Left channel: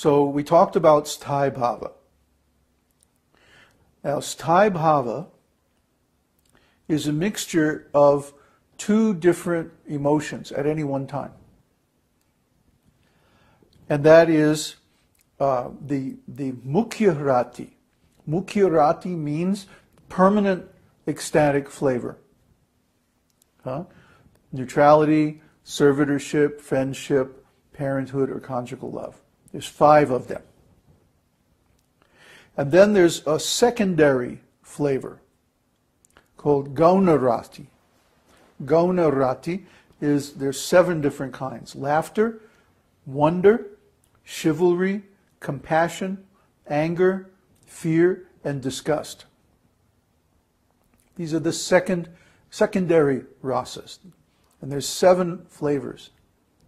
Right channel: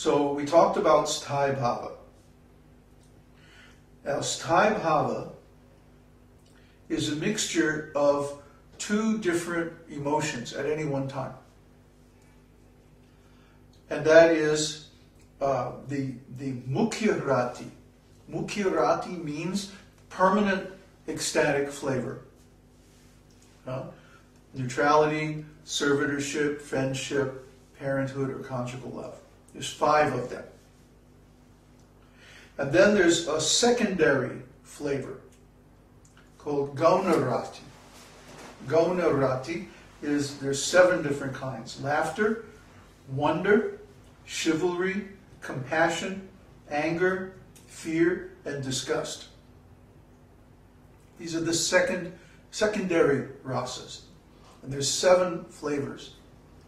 So we talked about Sthāyi-bhāva. Now, Sthāyi-bhāva is a mixture of two different emotions at any one time. And that is the mukhya-rati. Mukhya-rati means permanent ecstatic flavor. Neutrality, servitorship, friendship, parenthood, or conjugal love. There's 5 of them. And then there's a secondary flavor called gauṇa-rati. Gauṇa-rati is, there's 7 different kinds. Laughter, wonder, chivalry, compassion, anger, fear, and disgust. These are the secondary rasas. And there's 7 flavors.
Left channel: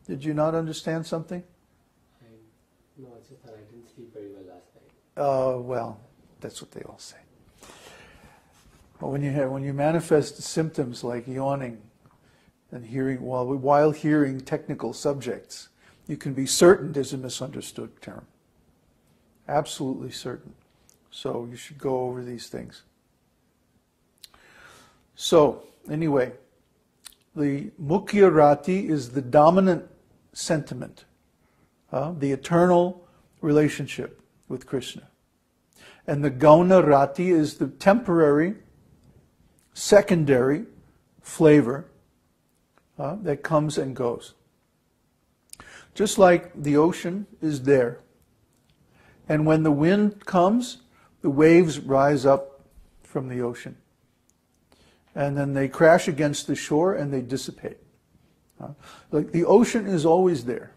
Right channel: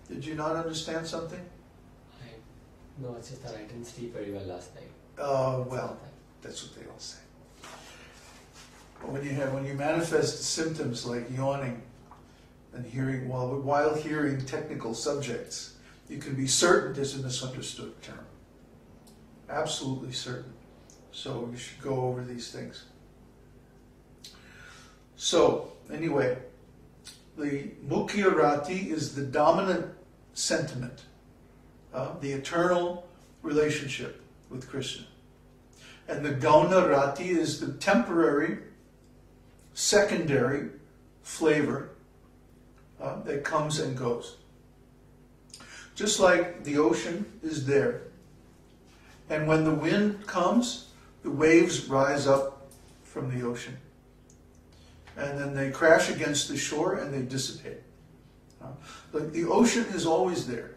Did you not understand something? No, it's just that I didn't sleep very well last night. Well, that's what they all say. But when you manifest symptoms like yawning and hearing while hearing technical subjects, you can be certain there's a misunderstood term. Absolutely certain. So you should go over these things. So, anyway, the mukhya-rati is the dominant sentiment, the eternal relationship with Krishna. And the gauṇa-rati is the temporary, secondary flavor that comes and goes. Just like the ocean is there. And when the wind comes, the waves rise up from the ocean. And then they crash against the shore and they dissipate. The ocean is always there.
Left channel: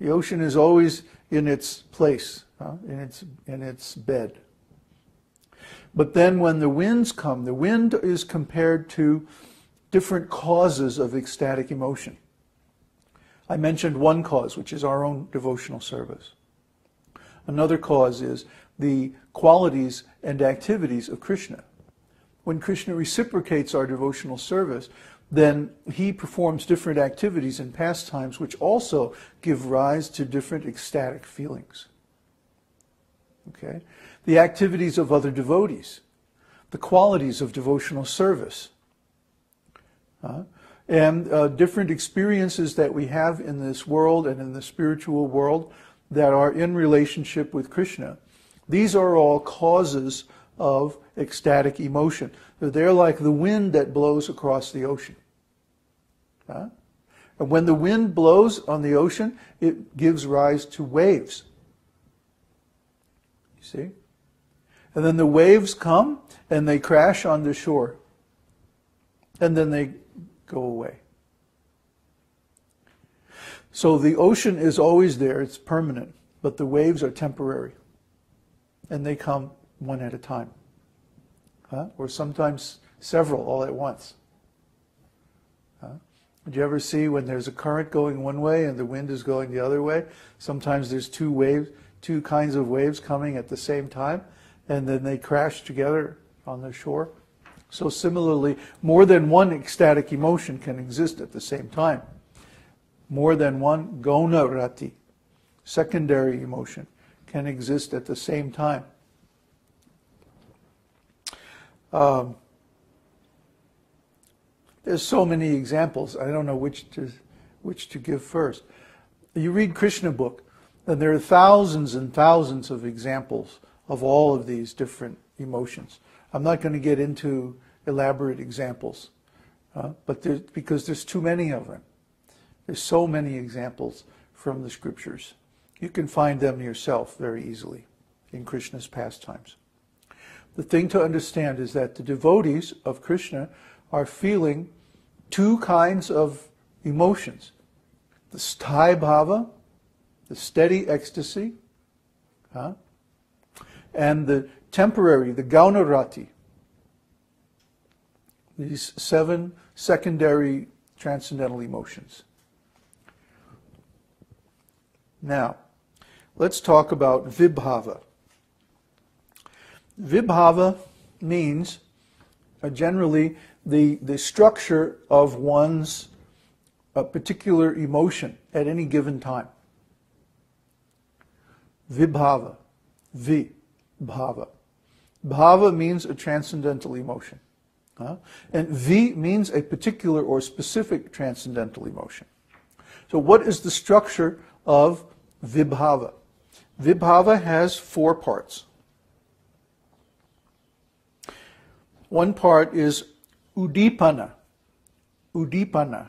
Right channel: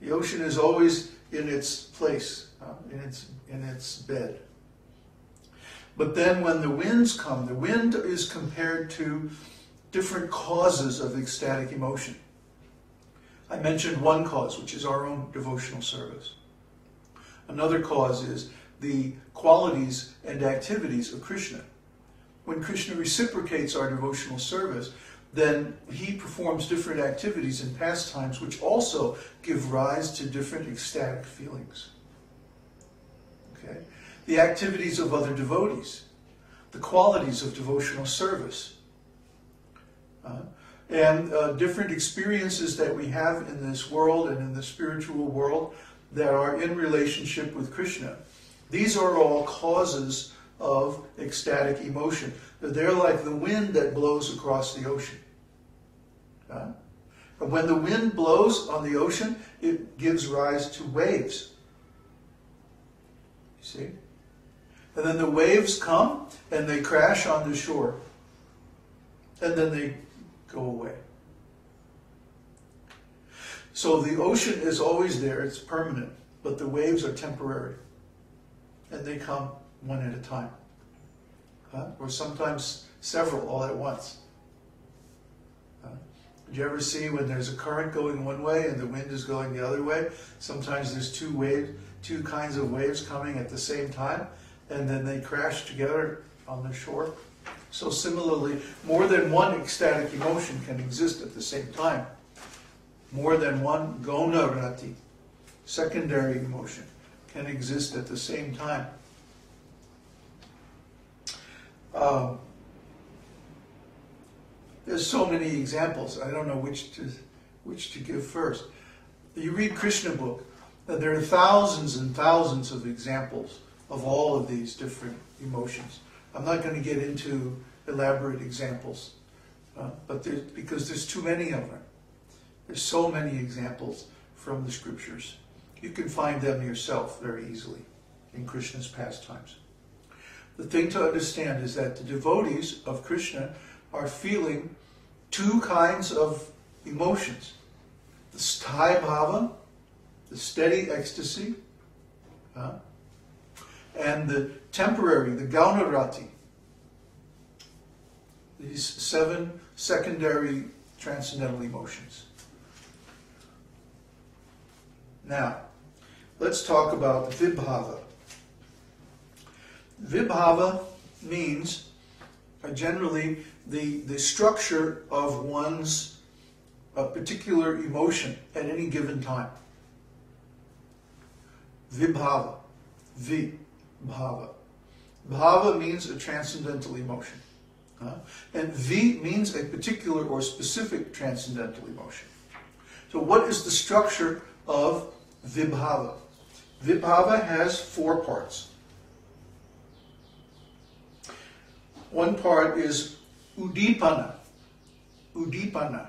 The ocean is always in its place, in its bed. But then when the winds come, the wind is compared to different causes of ecstatic emotion. I mentioned one cause, which is our own devotional service. Another cause is the qualities and activities of Krishna. When Krishna reciprocates our devotional service, then he performs different activities and pastimes which also give rise to different ecstatic feelings. Okay? The activities of other devotees, the qualities of devotional service, and different experiences that we have in this world and in the spiritual world that are in relationship with Krishna. These are all causes of ecstatic emotion. They're like the wind that blows across the ocean. And when the wind blows on the ocean, it gives rise to waves. You see? And then the waves come and they crash on the shore. And then they go away. So the ocean is always there, it's permanent, but the waves are temporary. And they come one at a time. Or sometimes several all at once. Did you ever see when there's a current going one way and the wind is going the other way? Sometimes there's two kinds of waves coming at the same time, and then they crash together on the shore. So similarly, more than one ecstatic emotion can exist at the same time. More than one gauṇa-rati, secondary emotion, can exist at the same time. There's so many examples. I don't know which to give first. You read Krishna book, and there are thousands and thousands of examples of all of these different emotions. I'm not going to get into elaborate examples, but because there's too many of them. There's so many examples from the scriptures. You can find them yourself very easily in Krishna's pastimes. The thing to understand is that the devotees of Krishna are feeling two kinds of emotions. The Sthāyi-bhāva, the steady ecstasy, and the temporary, the gauṇa-rati. These 7 secondary transcendental emotions. Now, let's talk about vibhava. Vibhava means generally the structure of one's particular emotion at any given time. vibhava, vibhava. Bhava means a transcendental emotion. And vi means a particular or specific transcendental emotion. So what is the structure of vibhava? Vibhava has 4 parts. One part is udipana. Udipana.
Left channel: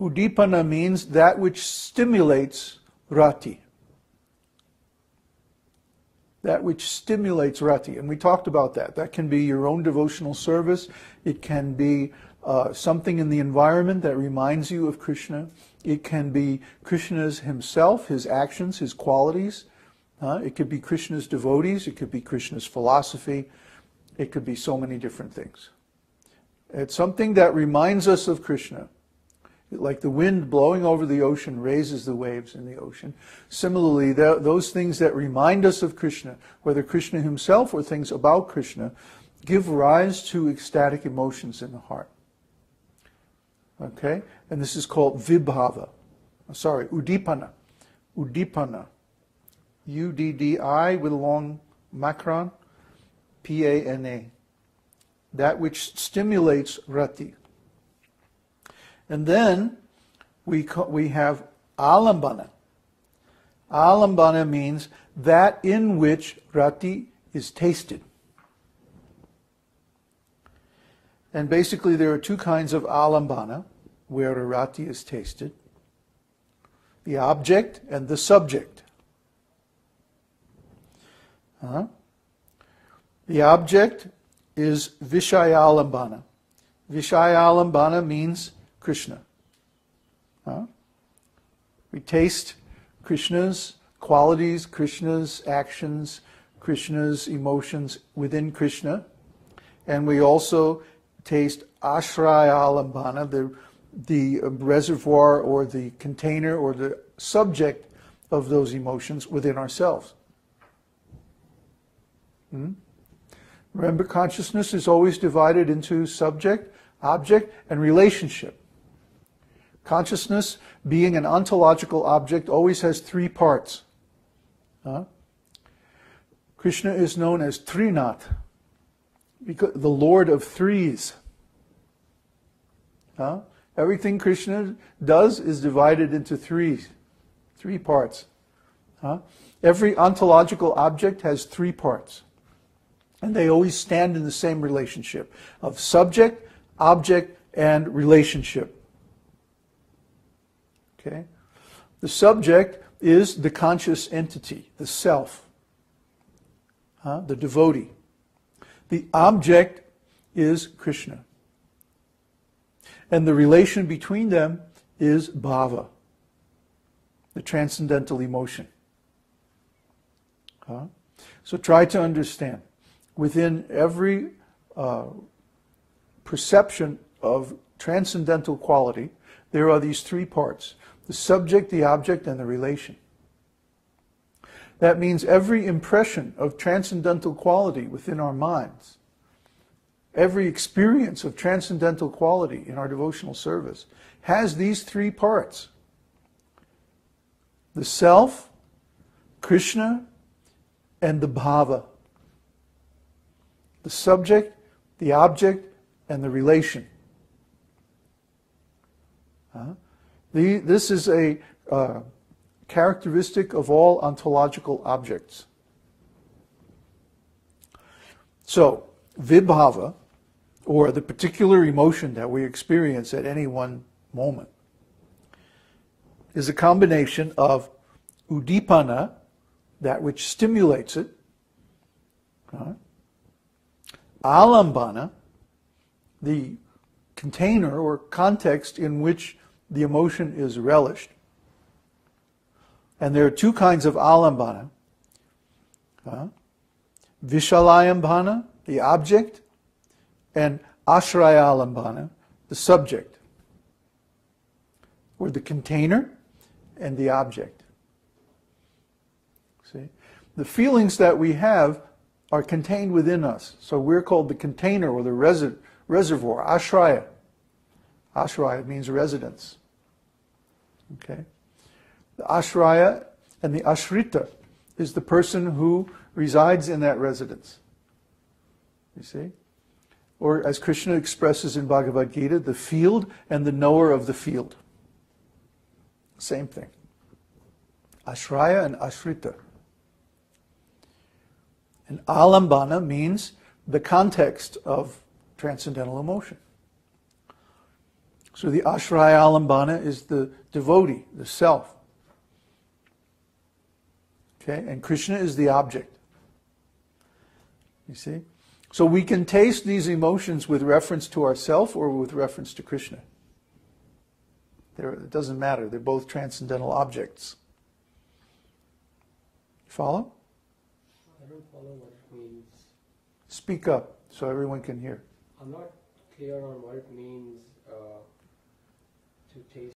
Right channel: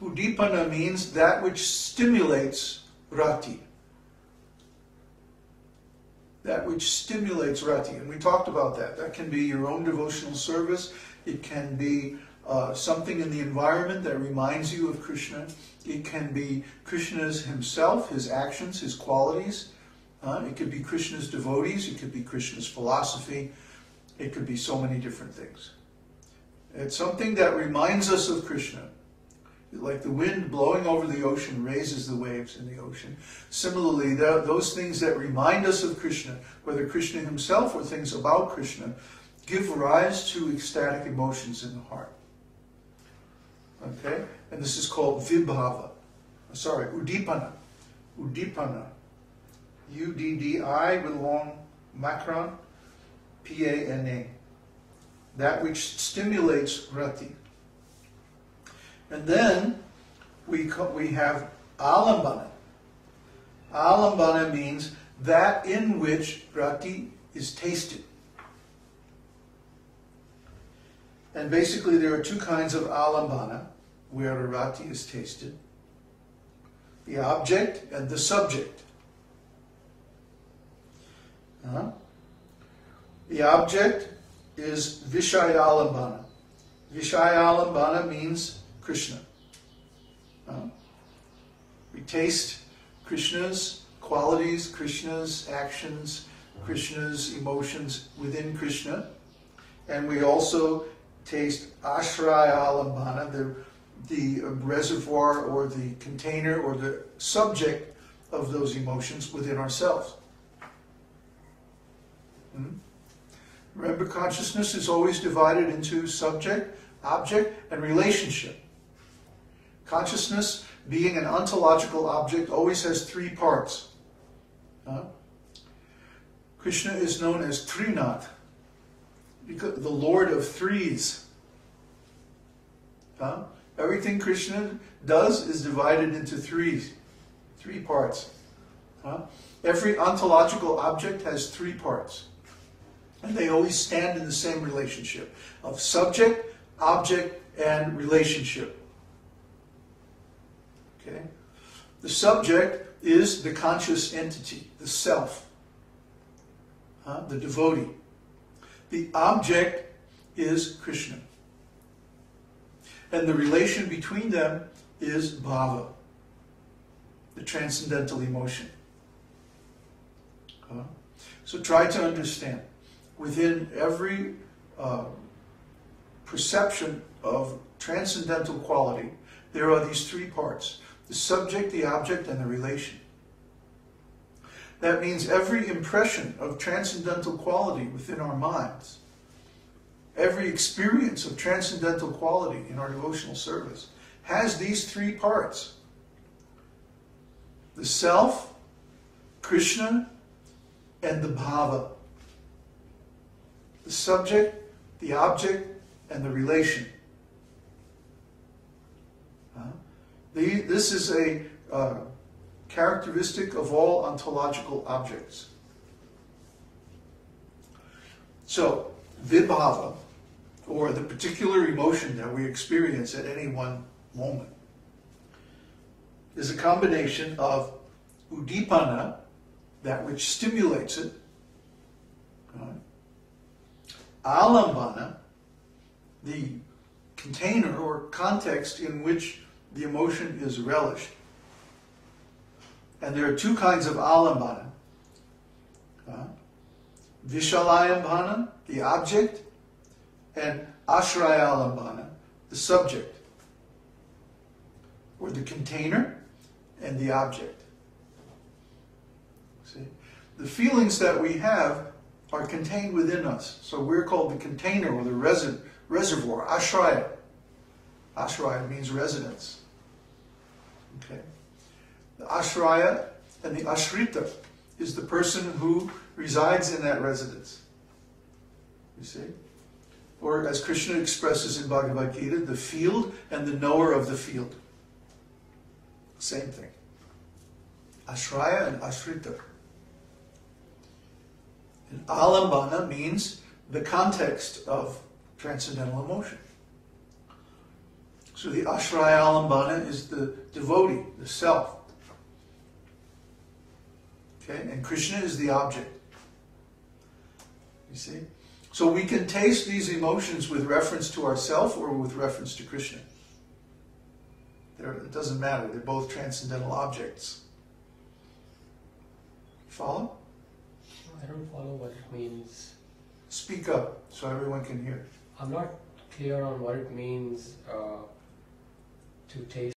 Udipana means that which stimulates rati. That which stimulates rati. And we talked about that. That can be your own devotional service. It can be something in the environment that reminds you of Krishna. It can be Krishna's himself, his actions, his qualities. It could be Krishna's devotees. It could be Krishna's philosophy. It could be so many different things. It's something that reminds us of Krishna. Like the wind blowing over the ocean raises the waves in the ocean. Similarly, those things that remind us of Krishna, whether Krishna himself or things about Krishna, give rise to ecstatic emotions in the heart. Okay? And this is called vibhava. Udipana. Udipana. U-D-D-I with a long macron. P-A-N-A. That which stimulates rati. And then we have alambana. Alambana means that in which rati is tasted. And basically there are 2 kinds of alambana where the rati is tasted. The object and the subject. The object is vishayalambana. Vishayalambana means Krishna. We taste Krishna's qualities, Krishna's actions, Krishna's emotions within Krishna. And we also taste ashrayalambana, the reservoir or the container or the subject of those emotions within ourselves. Remember, consciousness is always divided into subject, object, and relationship. Consciousness, being an ontological object, always has 3 parts. Krishna is known as Trinath, because the Lord of Threes. Everything Krishna does is divided into 3 parts. Every ontological object has 3 parts. And they always stand in the same relationship of subject, object, and relationship. Okay? The subject is the conscious entity, the self, the devotee. The object is Krishna. And the relation between them is bhava, the transcendental emotion. So try to understand. Within every perception of transcendental quality, there are these 3 parts: the subject, the object, and the relation. That means every impression of transcendental quality within our minds, every experience of transcendental quality in our devotional service has these 3 parts: the self, Krishna, and the bhava. The subject, the object, and the relation. This is a characteristic of all ontological objects. So, vibhava, or the particular emotion that we experience at any one moment, is a combination of udipana, that which stimulates it, alambana, the container or context in which the emotion is relished. And there are 2 kinds of alambana. Vishalayambana, the object, and ashrayalambana, the subject, or the container and the object. See? The feelings that we have are contained within us. So we're called the container or the reservoir, ashraya. Ashraya means residence. Okay? The ashraya And the ashrita is the person who resides in that residence. You see? Or as Krishna expresses in Bhagavad Gita, the field and the knower of the field. Same thing. Ashraya and ashrita. And alambana means the context of transcendental emotion. So the ashraya alambana is the devotee, the self. Okay? And Krishna is the object. You see? So we can taste these emotions with reference to ourself or with reference to Krishna. It doesn't matter. They're both transcendental objects. Follow? I don't follow what it means. Speak up so everyone can hear. I'm not clear on what it means to taste